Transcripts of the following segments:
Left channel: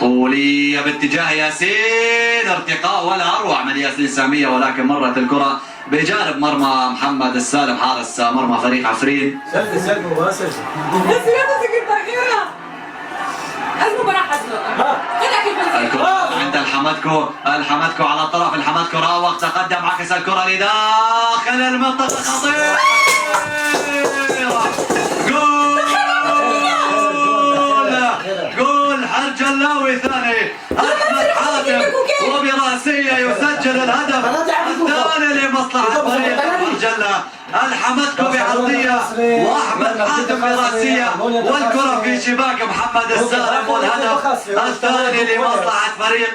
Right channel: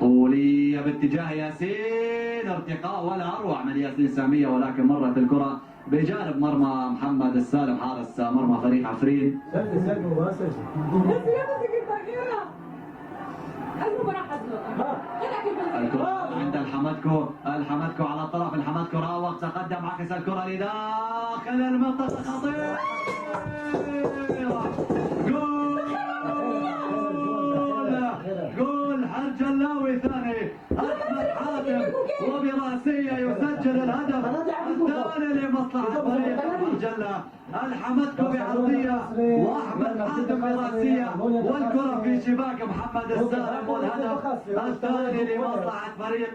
طولية باتجاه ياسين، ارتقاء ولا اروع من ياسين سامية، ولكن مرت الكرة بجانب مرمى محمد السالم حارس مرمى فريق عفرين. سلم مباشر. الكرة عند الحمدكو على الطرف، الحمدكو راوغ تقدم عكس الكرة لداخل المنطقة، خطيرة. جول حرجلاوي ثاني، احمد حاتم وبراسية يسجل الهدف الثاني لمصلحة فريق حرجلة. الحمدكو بعرضية واحمد حاتم براسية، والكرة في شباك محمد السالم، والهدف الثاني لمصلحة فريق.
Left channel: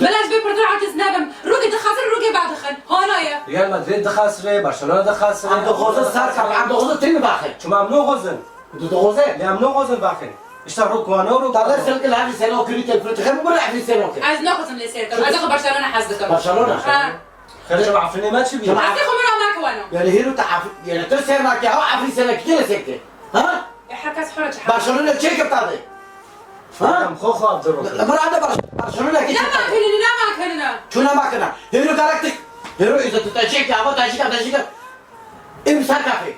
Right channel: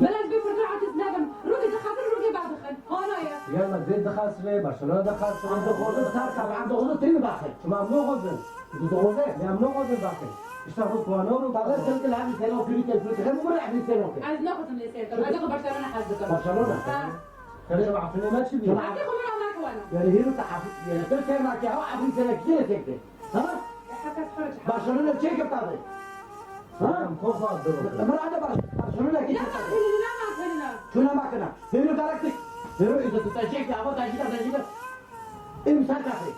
بلاش بيبرتو عم تزنبم، روكي دخاسر روكي بعد دخل، هونايا. ريال مدريد دخاسره، برشلونة دخاسره. عنده غوزة سركب، عنده غوزة تاني باخر. شو ممنوع غزن؟ بده غوزة؟ لا ممنوع غزن باخر. اشتغل روكوانو روك. طلع سلك الهافي سنة وكريت الفلوت، خير مقول لعب سنة وكريت. عايز ناخذ من السيركل، عايز اخذ برشلونة حزدكم. برشلونة. خير شو عفني ما تشبيه. عايز اخذ منهم معك وانو. يعني هيرو تعرف يعني ترسل معك يا هو عفري سنة كتير سكتة. ها؟ حكاس حرج. برشلونة تشيك بتاعتي. ها؟ خوخة عبد الرحمن. مرة عنده برشلونة كتير. لا ما كلنا. شو لا ما كنا؟ هيرو كاركتك. هيرو إذا تتشيك يا أبو تتشيك. إمسار كافي.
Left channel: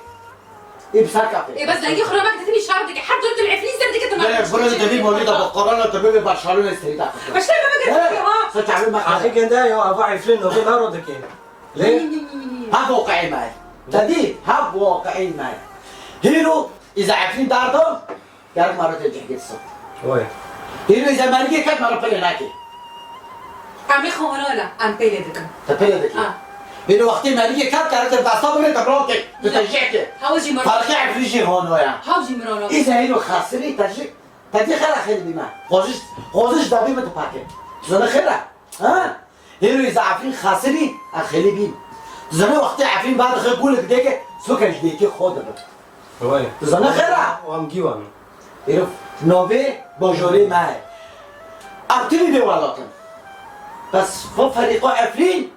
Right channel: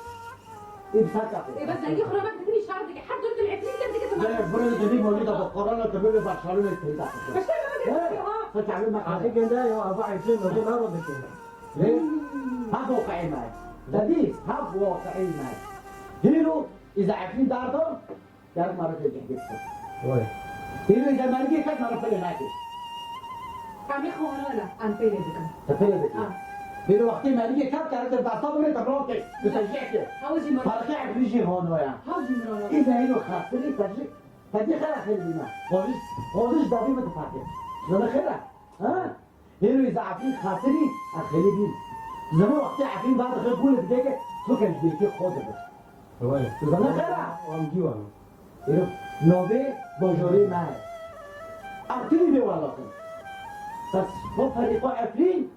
إمسار كافي. إيه بس لاقي خرا ما كتبني شعرك، حد قلت العفريت سردك انت ما. لا برشلونة تبي مولدة بالقرآن تبي برشلونة استريتا. بس لما ما قلت ها. ستعمل ما أخي كندا يو أبو عفلين نوبي ما ردك ليه؟ هب واقعي معي. جديد هب واقعي معي. هيرو إذا عارفين داردو يارك مرة تجي حكي الصوت. وين؟ هيرو إذا ما رجع كات مرة بيجي ناكي. عم خورانا عم بيلدكم. تبيجي ذكي. هيرو وقتي ما رجع كات كارت تبع صبري تبروك تتجيك. هاوجي مرة. فرقي عفريجي هون ويا. هاوجي مرة. إذا هيرو خاسري تجي خير خير بما. غوزش دابي ما تباكي. زنا خيره. ها؟ هيرو إذا عارفين خاسري أخلي بين. زنا وقتي عارفين بعد خير بقول لك ديك سوكر ديك خود بقى. وين؟ زنا خيره. وام جيوان. هيرو نوبي بوجوري معي. أبتدي دي والله. بس فوق فريق عفرين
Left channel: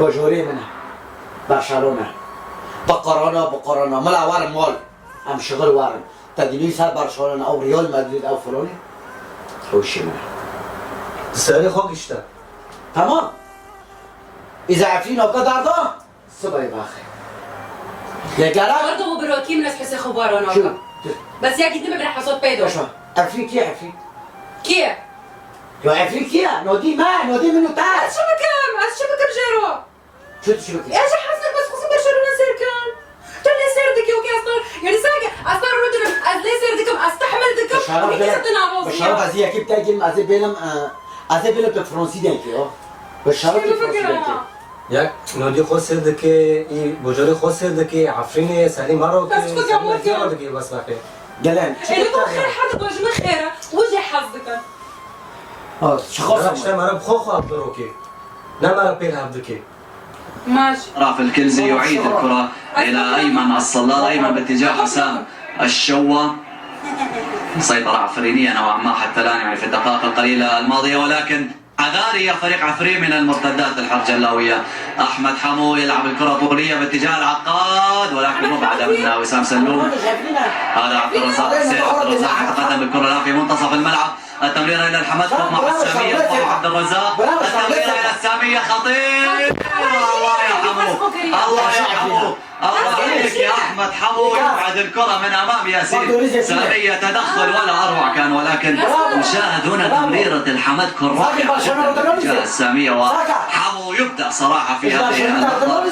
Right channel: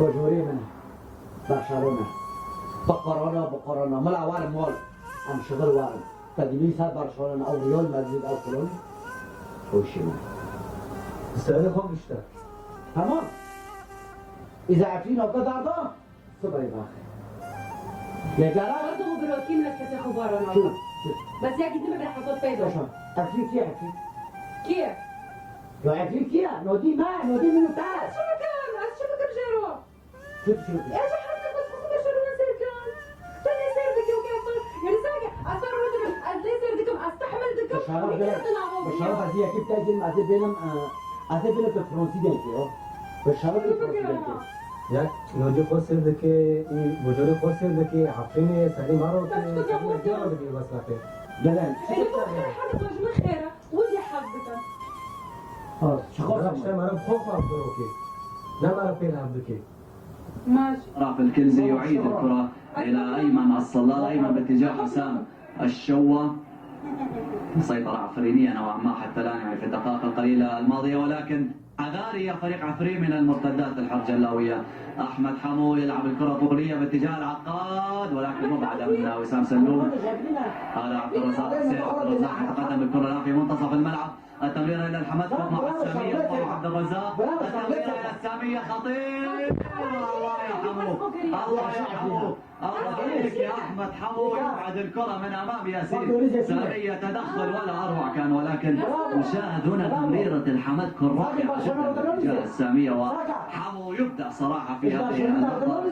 بوجوري منها برشلونة بقرانا ملا وارم مول أم شغل وارم تدريس برشلونة أو ريال مدريد أو فلوني وشي منها تسألي خوك اشتا. تمام إذا عفرين أو قدر سبعي باخي يا برضه بروكي من حس خبرانا. شو بس يا قد ما بنحصل بيدو. شو عفرين كيف عفرين كيف؟ لو عفرين كيف نودي منو تعال شو بكم جيرو؟ شو كيف ايش حاسك بس خصوصا برشلونة سيركان. تولي سيردك يوكي اصلا يعني ساقة اصلا رجل ازلي سيردكم استحمل دكم وهيك ستنا بشرف ازي اكيد تاجي ازي بيلم بالفرنسي دينكي بشرف بالفرنسي دينكي ياك نودي خسر دكي بوجوري خسر دكي عفريني سالي مرة بس كنت عمود دكي بس باقي. قالان اللي هو خير حد وجمه خيره وجه حظك. شو خاصة اشتا مرة بخوخة عبد الرحمن. لا مرة بيلها بدكي. ماشي. راف الكنزي يعيد الكرة إلى أيمن الصلال، أيمن باتجاه حسام الشوة. سيطرة عفرينية نوعا ما حتى الآن يعني في الدقائق القليلة الماضية، ولكن عذاري فريق عفرين من المرتدات الحرجلاوية. أحمد حمو يلعب الكرة طولية باتجاه العقاد، ولكن مبعدة من وسام سلوم. هذا عبد الرزاق يتقدم بالكرة الآن في منتصف الملعب. التمريرة إلى الحمد مع السامية طارق عبد الرزاق. التمريرة إلى السامية خطير. الله يرحمه الله يرحمه الله عليك يا احمد حمو، يبعد الكره من امام ياسين سامية، تدخل ولا اروع كان، ولكن نشاهد هنا تمريره الحمدكو الرائعه جدا السامية، وحمو يبدع صراحه في هذه النقطه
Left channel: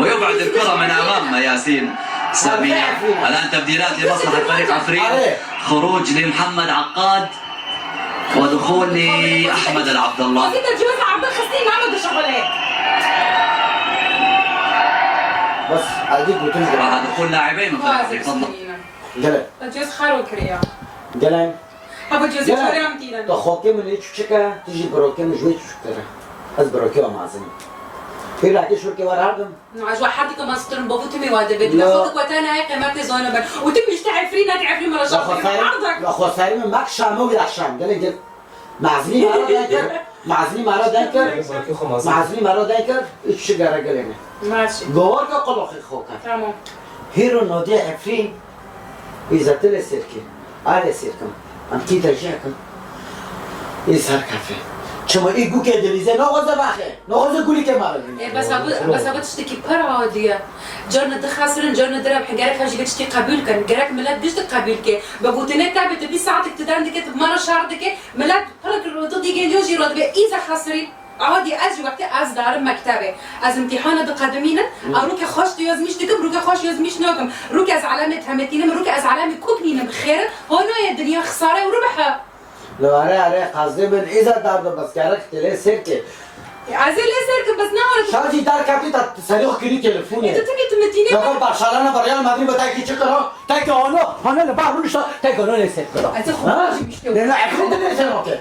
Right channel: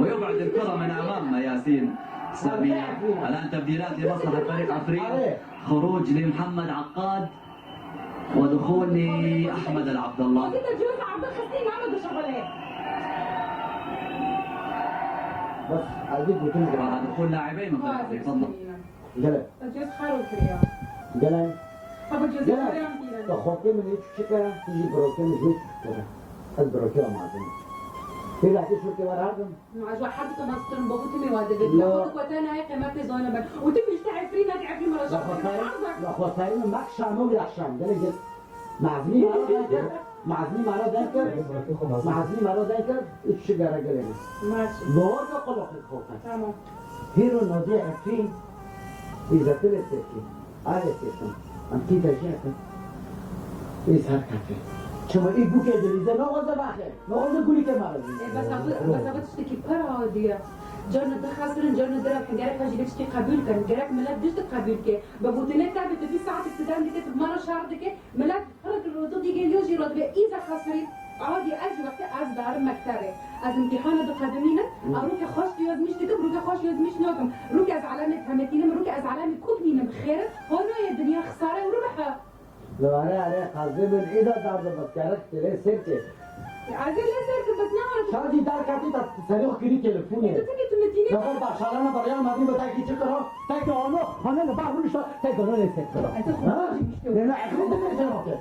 ويبعد الكره من امام ياسين سامية. الان تبديلات لمصلحه فريق عفرين، خروج لمحمد عقاد ودخول لاحمد العبد الله. انت جوز عبد الخسين ما عملوا شغل هيك. بس اديك بتنزل مع دخول لاعبين من فريق تفضل. قلن جوز خارو كريا. قلن ابو جوز كريا متينا. تو خوكي من هيك شكا تيجي بروكي من جوي شكرا از بروكي وما زين في راح شو كي وراهم عجوا حدك ما سترن بابو تمي واده بدي اخذك وتانا هيك ما تزونه بن وتمي تعرفين تعرفين مرة شهر لا خساري من ماك شامو ولا شام قال لي معزمين معزمی مرا دن کرد براکی خو مازی معزمی مرا دن کرد چی گره گلمه ماشي گوار که قلقی خوکن تمام هیرو نادی عفرین ایزت لسرکی آل سرکن ام کی ترجیح کن ای سر کافه چما ای گو که دلیزه ناغذه باخه ناغذه گولی که مرا دید بس هبط تشتكي بر عادية جرنا دخاسرن جرنا درب حجارك هاجي تشتكي قبول كان جرك ملاد ديش قبول كي بقولتني تعبت تبي ساعتك تدرندك مرة شهرك ملاد هلك الردود يجي يوجي رد إذا خاسرين عادي أجي وقت از دارم مكتبه از امتحان بقدمينا أروك خوش يزميش دكم روك خوش يزميش ناكم روك از علامة همتينم روك از علامة كوكنينم بخير هونو يا الدنيا خسارة وربحها لو اره قصدي من إذا دارد بس گرک تله سرکه عايزين ليه سيركم بس نعرف شادی در کبی تا سریخ کلی تلفونه انت تبي تمتيني لقد برشلونة بريال مدريد بتاعي كي تشكره تاكي هنا اللي بعمل شو تاكي هنا اللي سكره هتاخد مش لا عفريت اللي سكره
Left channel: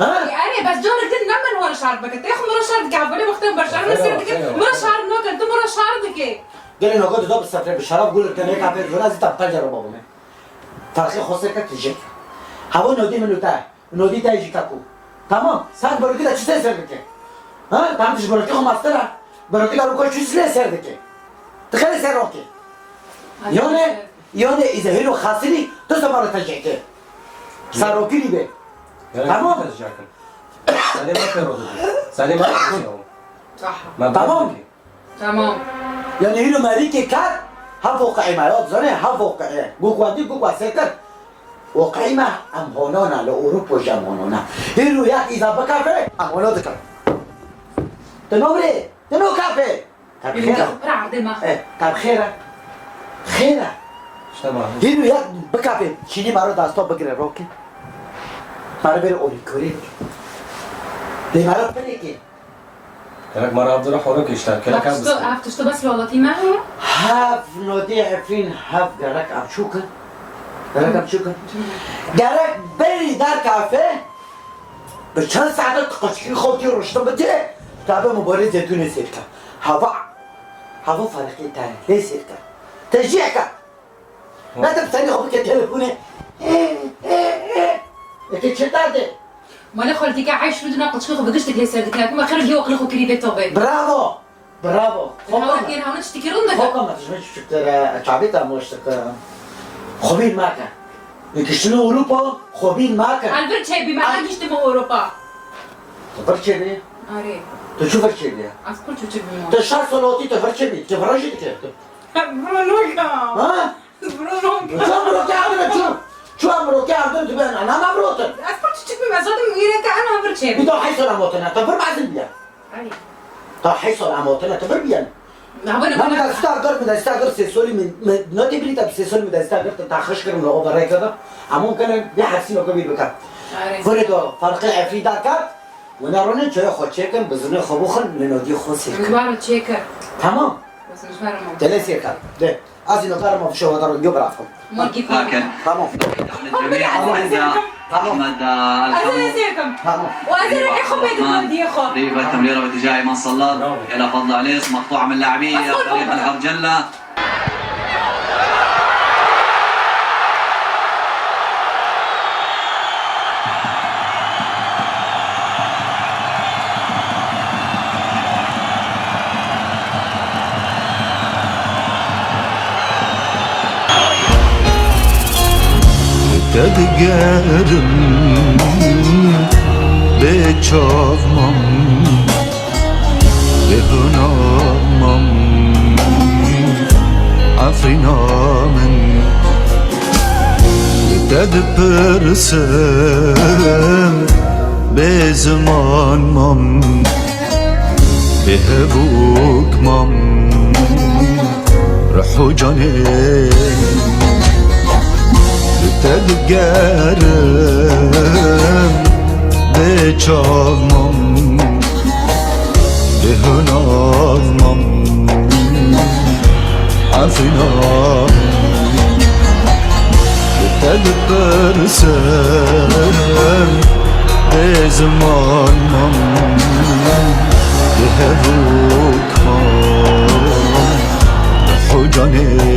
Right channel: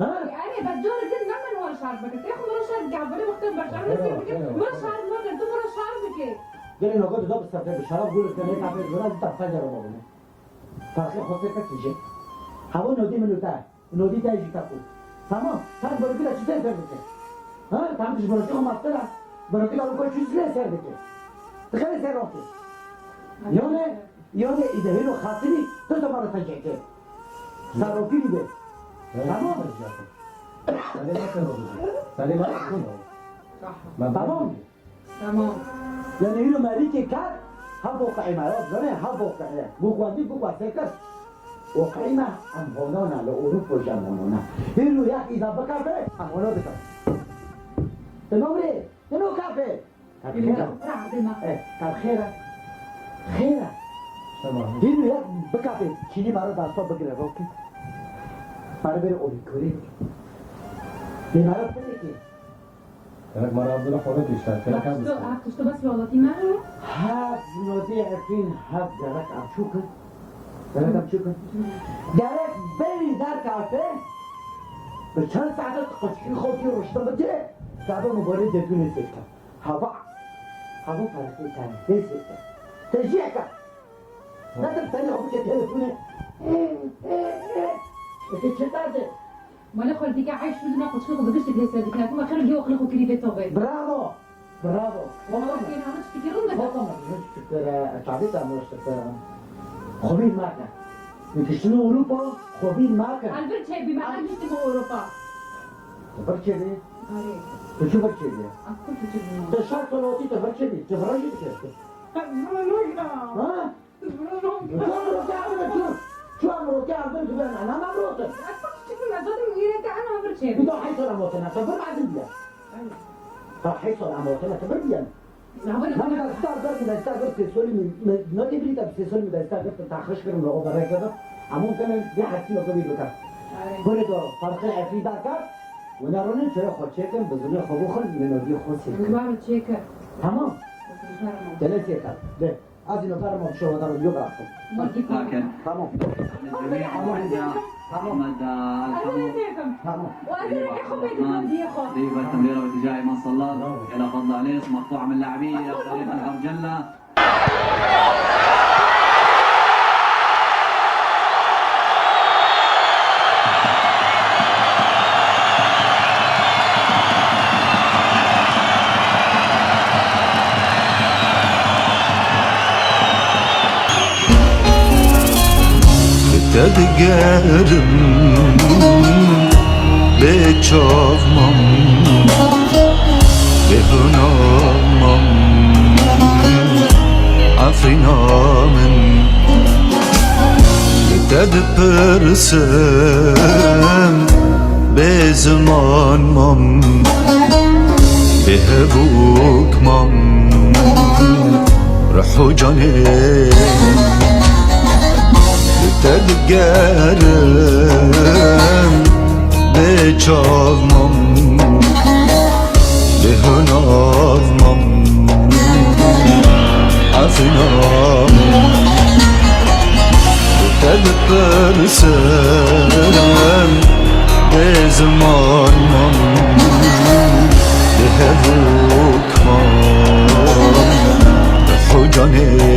ها يعني بس جون كده نعمل ورا شعر بك تاخد مرة شعر قاعد بالي وقتها برشلونة سيرتك مرة شعر نوك انت مرة شعرك قال لي نقول دوب السفر بالشراب قول لك هيك عبير جولاز تبقى جرب بابا تاريخ خسر كتجي هو نودي منو تاع نودي تاع يجي كابو تمام ساعات بقول كده تشتري سيرتك ها تعمل تجي بقول لك هم استرا بقول لك لو كنت تشتري سيرتك تخلي سيرك يوني اذا هيرو خاسري تسمع ترجعك ساروكي لي به تمام سلام كرو سلام عليكم صح تمام يعني هيرو مالكي كات ها واقعي ما يوض زني ها واقعي قوقواندي قوقوا سكر واقعي ما ام هونونا لاوروبا جامونونا هيرو يا اذا بكافي ام هونو ذكر تنوري تنو كافي خيرة طب خيرة هيرو يا بكافي شيني مارو داستو بگره روكي مارو بير اوري كوري دي مارو بريكي كلك مرة عبد الله حورك يشتغل كلك عبد عرفتش بس لغتي معها هاف نودي عفرين هاف جرك أبشوكا جرك أبشوكا جرك بري دار كافيه بچند ساعت قشقی خوتی رشتم بده تابع مبارز زيتون سيركا هوا فرقي تاني ليه سيركا تشجيعك لا تبتني خبك تليفوني انت شتاده ما خالتي كاع عايش في دنا قشقي بقشتك ليه سيرك لكن اخر اليوم قلخو كريبه توبه برافو هو كان هون تشتكيرون ده فوق ما تجمعش شفت شعبيتها مش خبين ماكا يكشنو اوروبا خبين ماكا البرد شيء بما عنديش تبغى اوروبا تفرج ليه اري تشوفك ليه اذكر تشوفني تشار صلوتي تفرج ليه تفرج ليه برونوكا ها برونوكا شو امرك عندنا شو امرك عندنا تبان انا ما بروتن اذكر تشوفني ما زاد ميرك انا برد شيء بدو حيصل اموتنا تفر بعزم بيان اري طب حيصل اموتنا تفر بيان ما بدأ استاجر سيسولي من نوتي بريتا بسيسولي بدأ استاجر تتاخش كده من اوفر هيك كده عمون كان بيحسين كبير بكام فريدو فرق العفري داكار ونارونن شويه خو تشيكن بزنه خبوخن لنودي خو سيك مبارو تشيكر تمام بس مش مبارو تلاسيكر ده ازي نقار ما في شو هذا اليوم رافض لكن تمام الجميع عند احمد الحمد تمام وأنا راح أخذ بيت الودي أخو ريفة تمريرة باتجاه ايمن صلاد الى فضل عليس مقطوعة من لاعبيه فريق الهرجلة تدقرم بچاومم بهنامم عفرینامن تدپرسم به زمانمم به هبوکمم رحو جانم تدقرم بچاومم به هنامم عفرینامم تدپرسم به زمانم به هبوکمم رحو جانم